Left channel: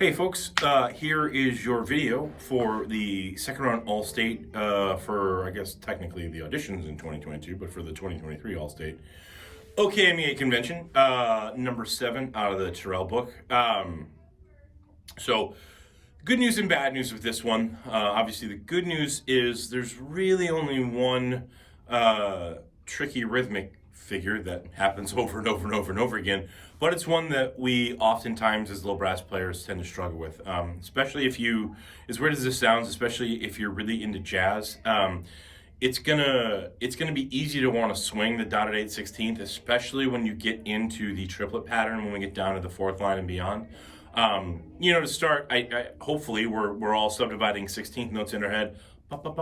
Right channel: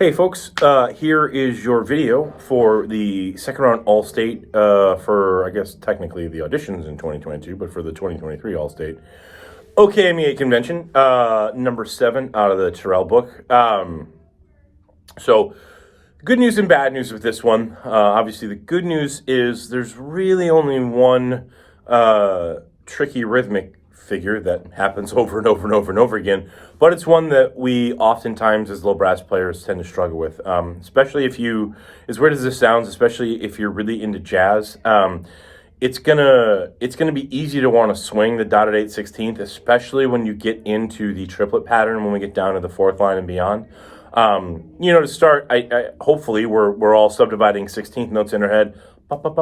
Hey folks, here is your video for the second round All-State for, I guess, technically the auditions in 2022, but for the 2023 All-State OkMEA convention, number 7 out of the Tyrell book. So good news and bad news with this one. Obviously the good news is there's really only one tricky rhythmic figure that happens over and over and over and over again, but it's one that we oftentimes as little brass players tend to struggle with, especially if you, as weird as this sounds, especially if you're really into jazz. It's gonna be easy to want to swing the dotted 8/16, especially when you get into the triplet pattern, when we get down to the 4th line and beyond. To start, I hopefully we're all subdividing 16th notes in our head. Hopefully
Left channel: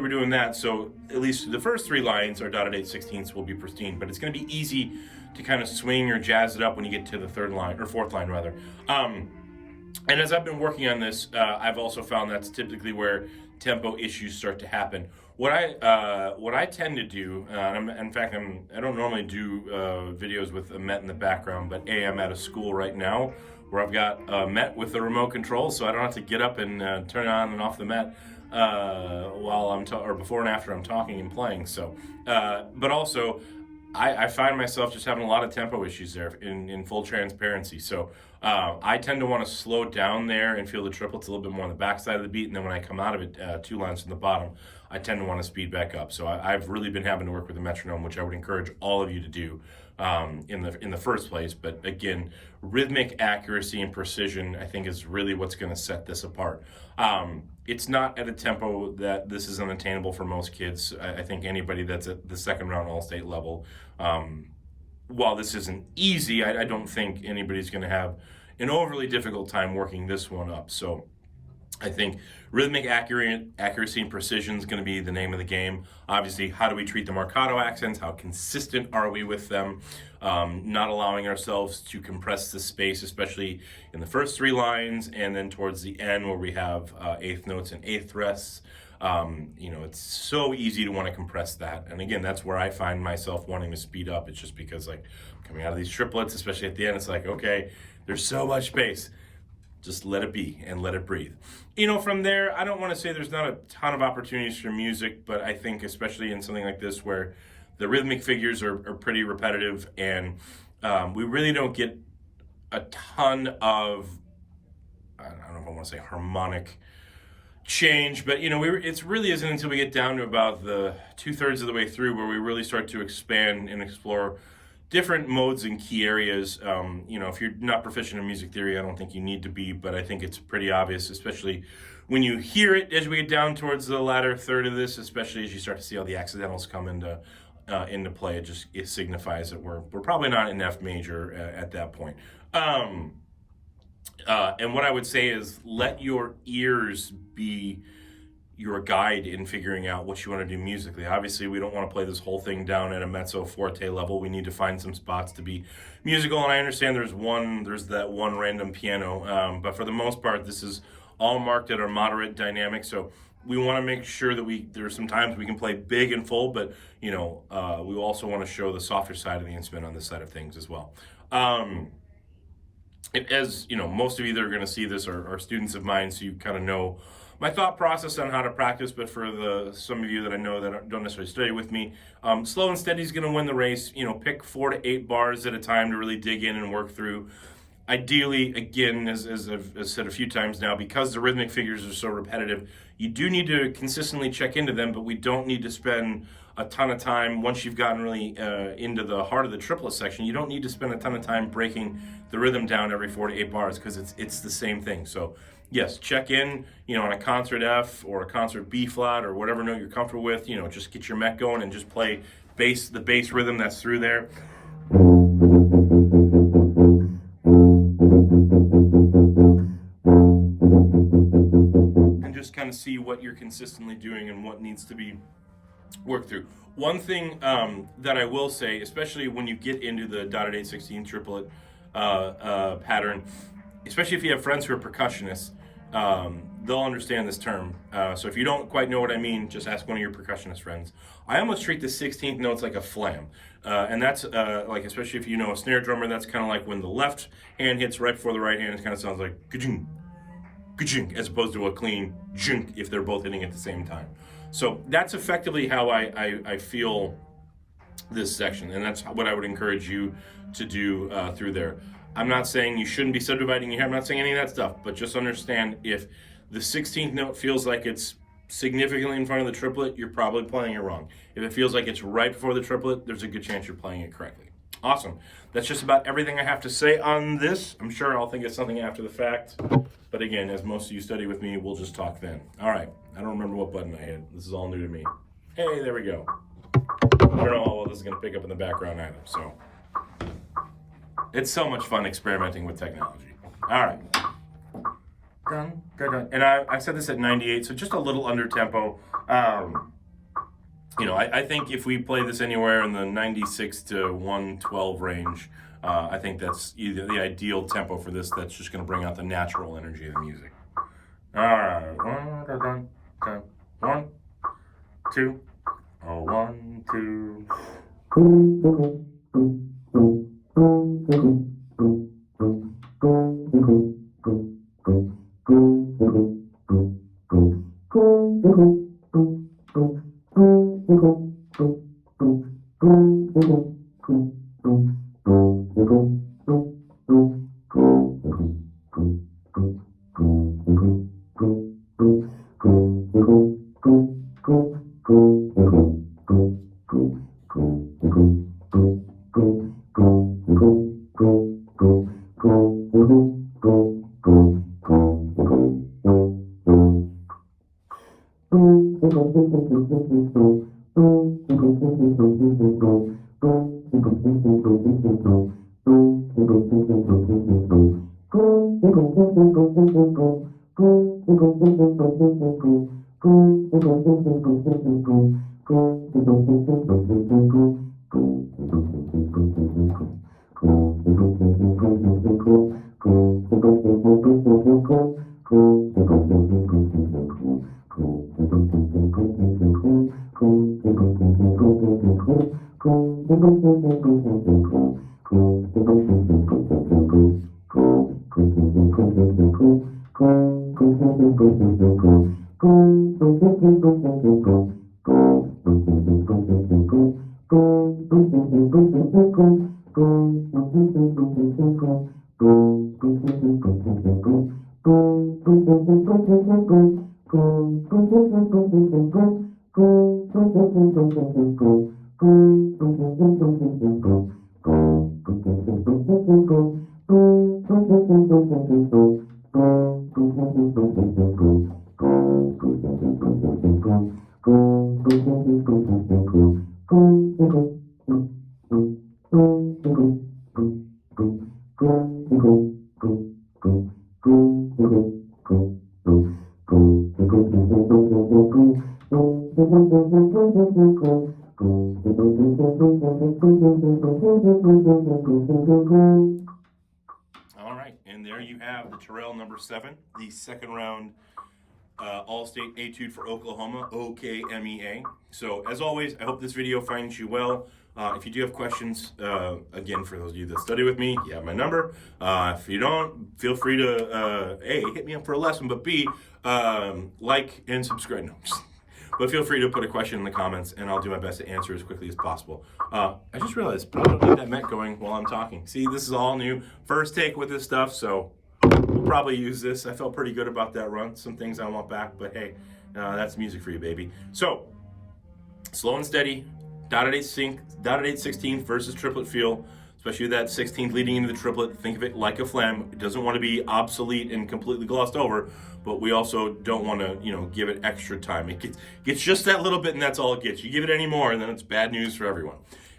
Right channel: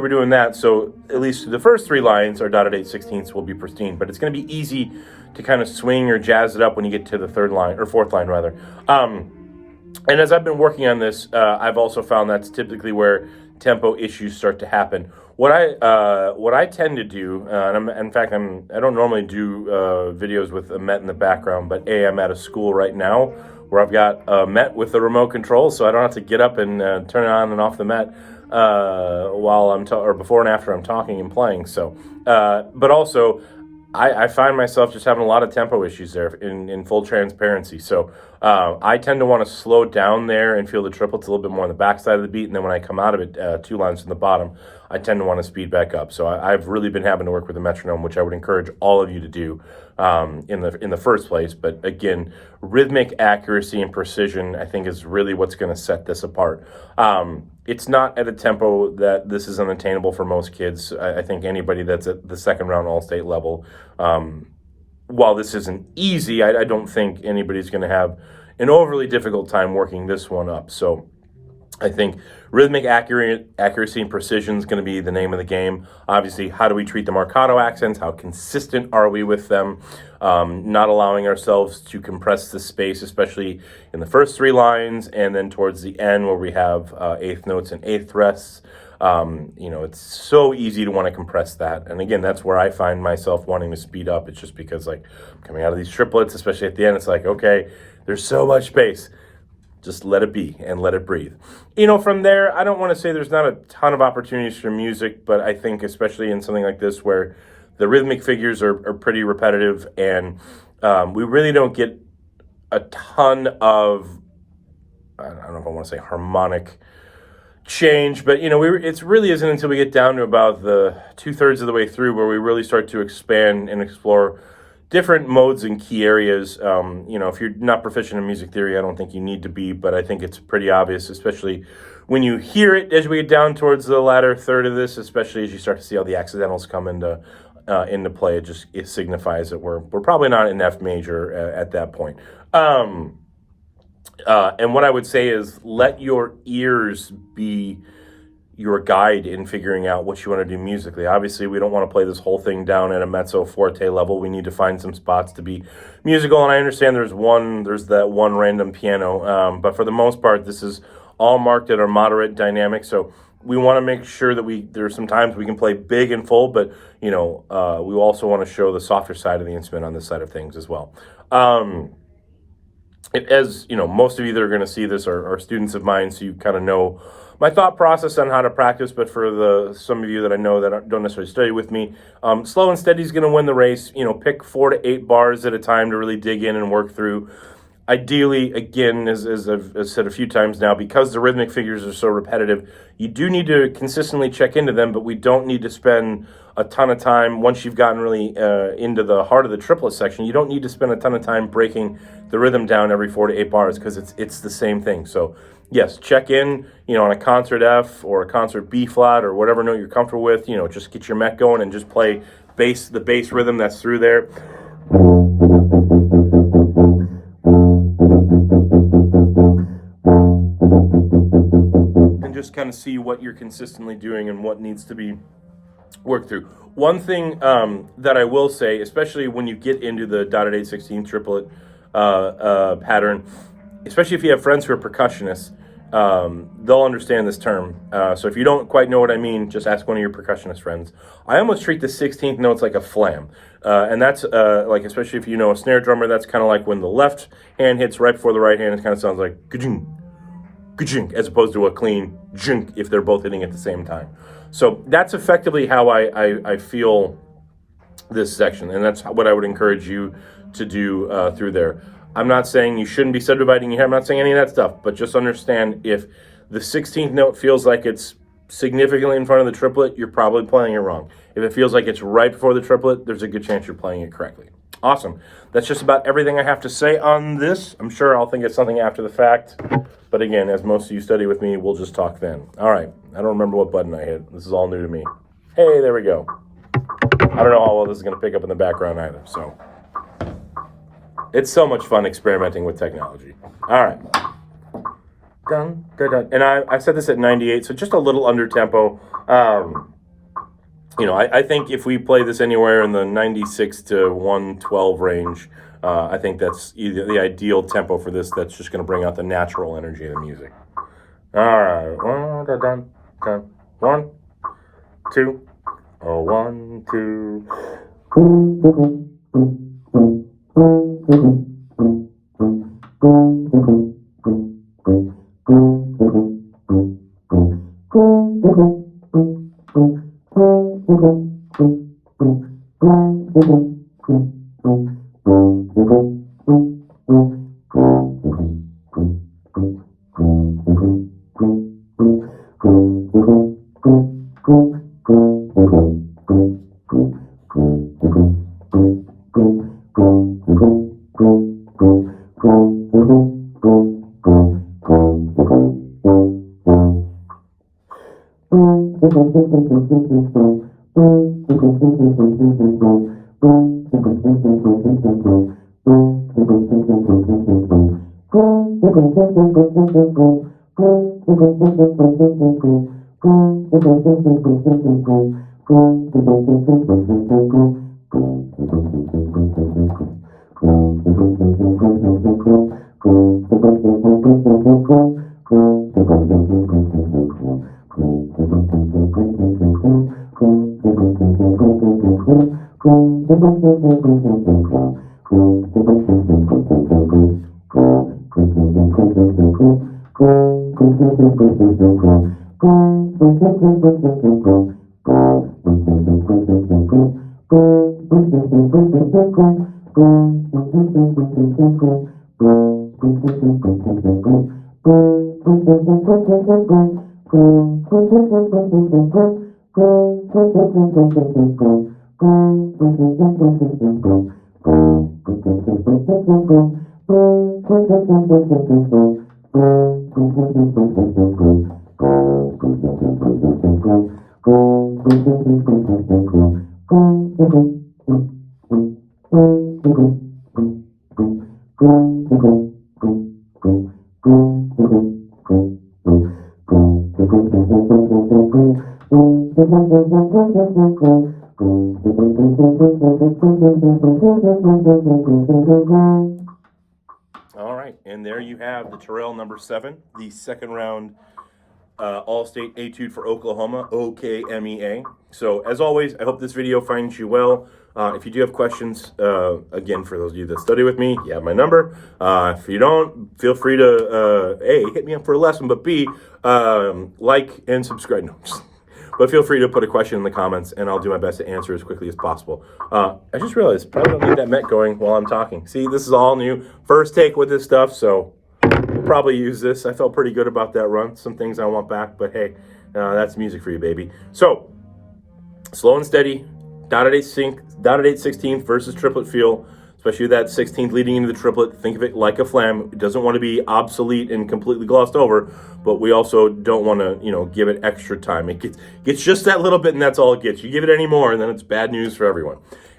we're doing that, so at least the first 3 lines are dotted 8/16 will be pristine, but it's going to be easy to kind of swing or jazz it up when you get to the 3rd line, or 4th line rather. And as I've been working on this, I've also found that's typically where tempo issues start to happen. What I tend to do, and I don't normally do videos with a Met in the background, but I'm at a school right now where I've got a Met with the remote control, so I don't have to get up and turn it on and off the Met while or before and after I'm talking and playing. So, but also, I find myself just having a lot of tempo issues there in full transparency. So I tend to want to slow down there and feel the triplets a little bit more on the backside of the beat, and then when I come out of it 2 lines from the bottom, I tend to want to speed back up. So I've really been having to work with a metronome, which I would encourage all of you to do in the first place. But again, rhythmic accuracy and precision, I think, is really what's going to set this apart. It's not at a tempo that this is unattainable for most kids. I think anybody that's at the second round All-State level, while this isn't easy, I don't think anybody's going to have an overly difficult time working this one up. So I think rhythmic accuracy and precision is going to be the name of the game. Obviously, how do we treat the marcato accents? How consistent are we with them? Not allowing ourselves to compress the space, especially in the first 3 lines, and then towards the end where we have 8th notes and 8th rests. It's so easy to want to compress that. And again, that's where I find myself wanting to speed up. It's just because, like, coming out of these triplets, especially at the end, it's like, okay, there's so much space. Just let it be and let it breathe. From there, I don't want to say there's not a ton of opportunities for music, but I think especially in something like this where the rhythmic figures are pretty repetitive, and we really don't get a ton of, I don't know if I want to say harmonic change, but it really isn't until we get down to about the 2/3 of the way through where we really start to expand and explore different modes and key areas. If you're not proficient in music theory, I don't think you need to be, but I think it's pretty obvious, especially when you hear it as we get down towards the latter third of this, especially as you start to see all the accidentals come into play. It signifies that we're probably not in F major at that point. And what I would say is let your ears be your guide in figuring out what you want to do musically. Obviously, we don't want to play this whole thing down at a mezzo forte level. We need to find some spots to be musical, and I understand there's that one random piano, but for the most part, this is all marked at our moderate dynamic. So we want to make sure that there's some times we can play big and full, but we also want to show the softer side of the instrument on this side of things as well. As most of you that are going to see this are students of mine, so you kind of know my thought process on how to practice. But for some of you that I know that don't necessarily study with me, slow and steady is going to win the race. Pick 4 to 8 bars at a time to really dig in and work through. Ideally, again, as I've said a few times now, because the rhythmic figures are so repetitive, you do need to consistently check into them, but we don't need to spend a ton of time once you've gotten really into the heart of the triplet section. You don't need to spend a ton of time breaking the rhythm down every 4 to 8 bars, because it's the same thing. So yes, check in, on a concert F or a concert B flat or whatever note you're comfortable with. Just get your Met going and just play the bass rhythm that's through there. And just kind of see what you're consistently doing and what needs to be worked through. One thing that I will say, especially when you get into the dotted 8/16 triplet pattern, especially if you have friends who are percussionists, they'll understand this term. So if you don't quite know what I mean, just ask one of your percussionist friends. I almost treat the 16th notes like a flam. And that's like, especially if you know a snare drummer, that's kind of like when the left hand hits right before the right hand, it kind of sounds like ka-jing, ka-jing, as opposed to a clean jink if they're both hitting at the same time. So that's effectively how I feel this section, and that's what I would encourage you to do through there. I'm not saying you shouldn't be subdividing your hair. I'm not saying any of that stuff, but just understand if the 16th note feels like it's significantly in front of the triplet, you're probably playing it wrong. If it feels like it's right before the triplet, there's a good chance you're playing it correctly. Awesome. That's just about everything I have to say on this. I'm sure I'll think of something after the fact, but again, as most of you study with me, we'll just talk then. All right. I don't remember what button I hit. This is all new to me. Hey, there we go. I don't know how well this is going to pick up in the background either, so it's so much fun experimenting with technology. All right. Dun, dun, dun. And I said this at 98, so just a little under tempo. I think if we play this anywhere in the 96 to 112 range, I think that's either the ideal tempo for this. That's just going to bring out the natural energy of the music. All right. Dun, dun, dun. 1, 2. Oh, 1, 2. All right, and there you have the Tyrell number 7, the second round All-State Etude for Oklahoma, OkMEA. So as always, I hope this video finds you well. If you do have questions, again, for those of you that study with me, you have my number. If you don't, feel free to, A, hit me up for a lesson, but B, like and subscribe. No, but feel free to put a question in the comments, and I'll do my best to answer as quickly as possible. I just realized, probably don't need that Met going while I'm talking. See, this is all new. First take with this stuff, so we'll probably use this. I felt pretty good about that run. Some things I want back, but hey, that's music for you, baby. So, slow and steady, dotted 16th versus triplet feel, especially that 16th leading into the triplet. Think of it like a flam. It doesn't want to be obsolete and completely glossed over, but we also don't want to, give it extra time. It gets just that little bit, and that's all it gets. You give it any more, and then it's bad news for everyone.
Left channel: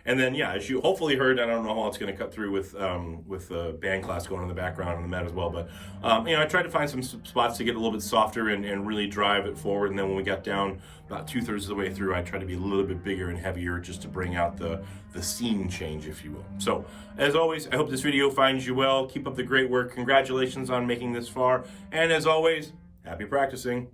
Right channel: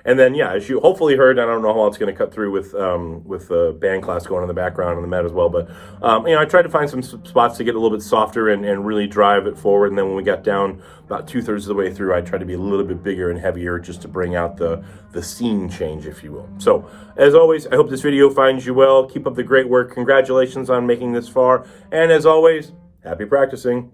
And then, yeah, as you hopefully heard, I don't know how it's going to cut through with the band class going in the background on the Met as well. But, I tried to find some spots to get a little bit softer and really drive it forward. And then when we got down about 2/3 of the way through, I tried to be a little bit bigger and heavier just to bring out the scene change, if you will. So, as always, I hope this video finds you well. Keep up the great work. Congratulations on making this far. And as always, happy practicing.